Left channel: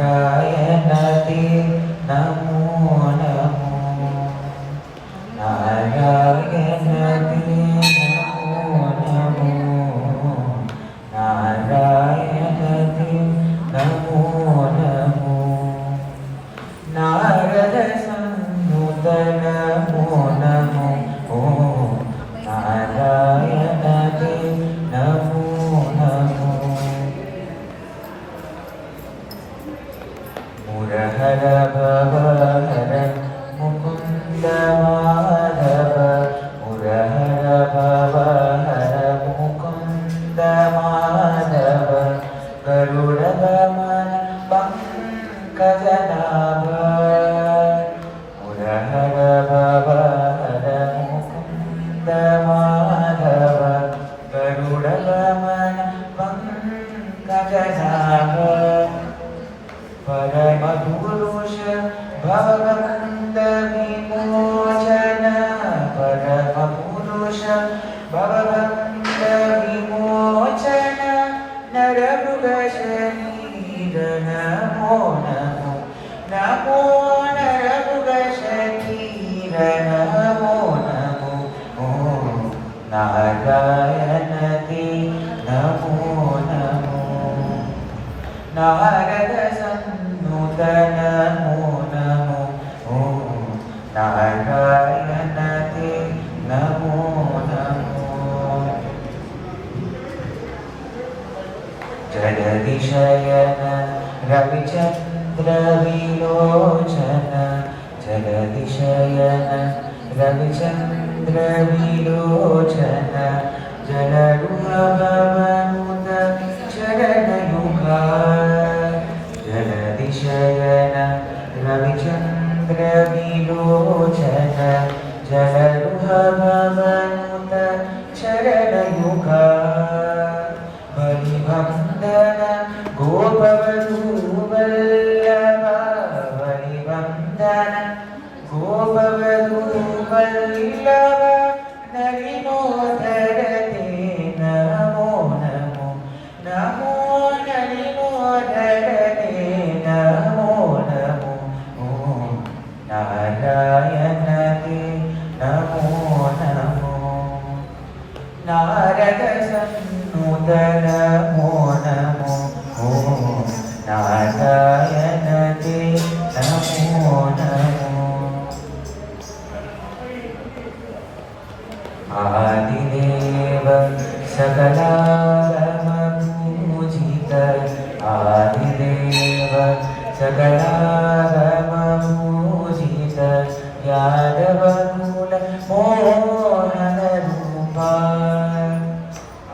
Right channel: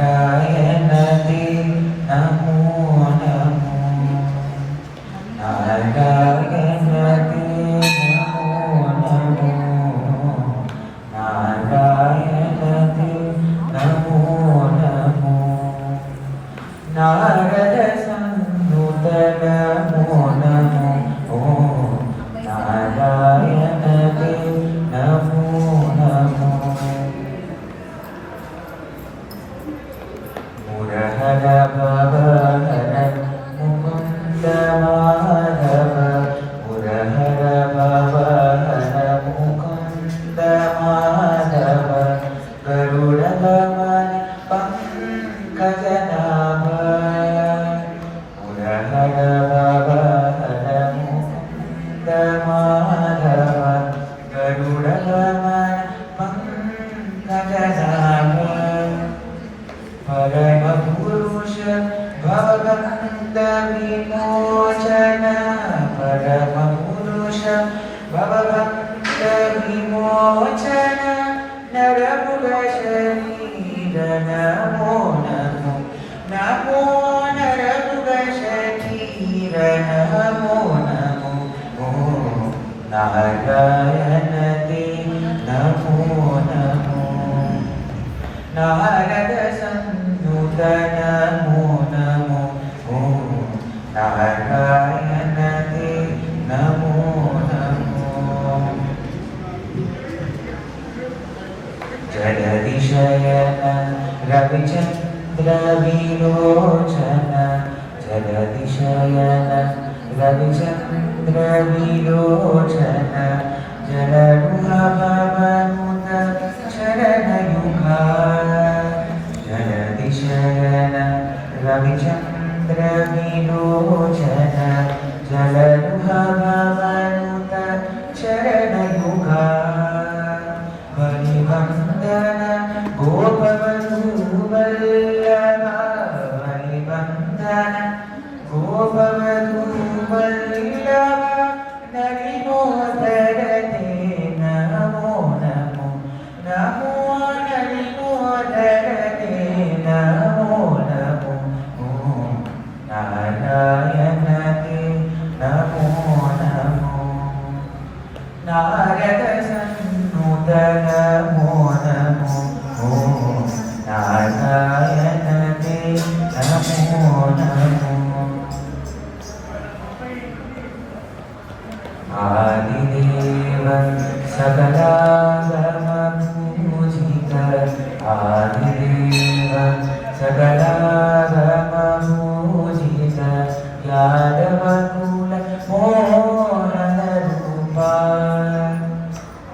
नारायणते नमो नमो नारायणते नमो नमो नारायणते नमो नमो नारद संयुत नमो नमो नारायणते नमो नमो मुरहर भवहर मुकुंद माधव मुरहर भवहर मुकुंद माधव गरुड़गमन पंकजनाभ मुरहर भवहर मुकुंद माधव गरुड़गमन पंकजनाभ परम पुरुष भवबंध विमोचन परम पुरुष भवबंध विमोचन नरमुग शरीर नमो नमो नमो नरमुग शरीर नमो नमो नारायण ते नमो नमो नारद संयुत नमो नमो नारायण ते नमो नमो जगदीशयन रविचंद्र विलोचन जगदीशयन रविचंद्र विलोचन जलरुहभवनुत चरणयुगा जगदीशयन रविचंद्र विलोचन जलरुहभवनुत चरणयुगा बलिवंदन गोपवधूवल्लभा बलिवंदन गोपवधूवल्लभा नलिनोदर ते नमो नमो नमो नलिनोदर ते नमो नमो नारायण ते नमो नमो नारद संयुत नमो नमो नारायण ते नमो नमो आदिदेव सकलागमपूजित आदिदेव सकलागमपूजित यादवकुल मोहनरूपा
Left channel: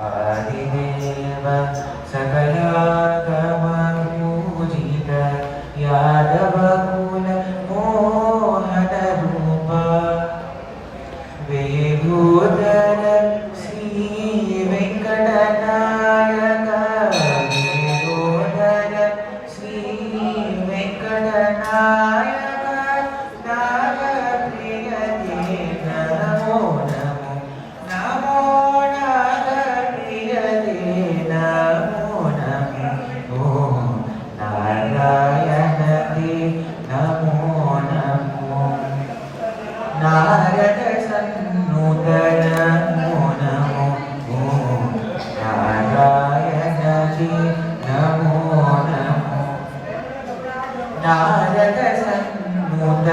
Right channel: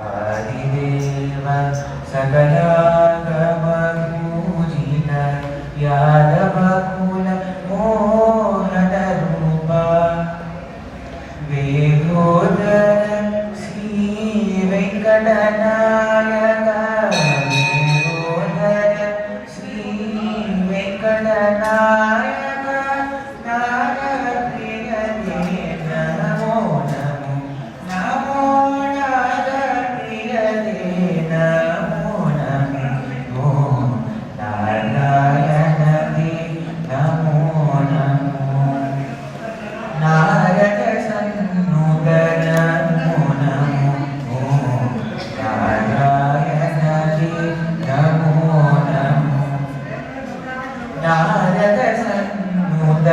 आदिदेव सकलागमपूजित यादवकुल मोहनरूपा वेदोदर श्री वेंकटनायक वेदोदर श्री वेंकटनायक नागप्रिय ते नमो नमो नमो नागप्रिय ते नमो नमो नारायण ते नमो नमो नारद संयुत नमो नमो नारायण ते नमो नमो नारद संयुत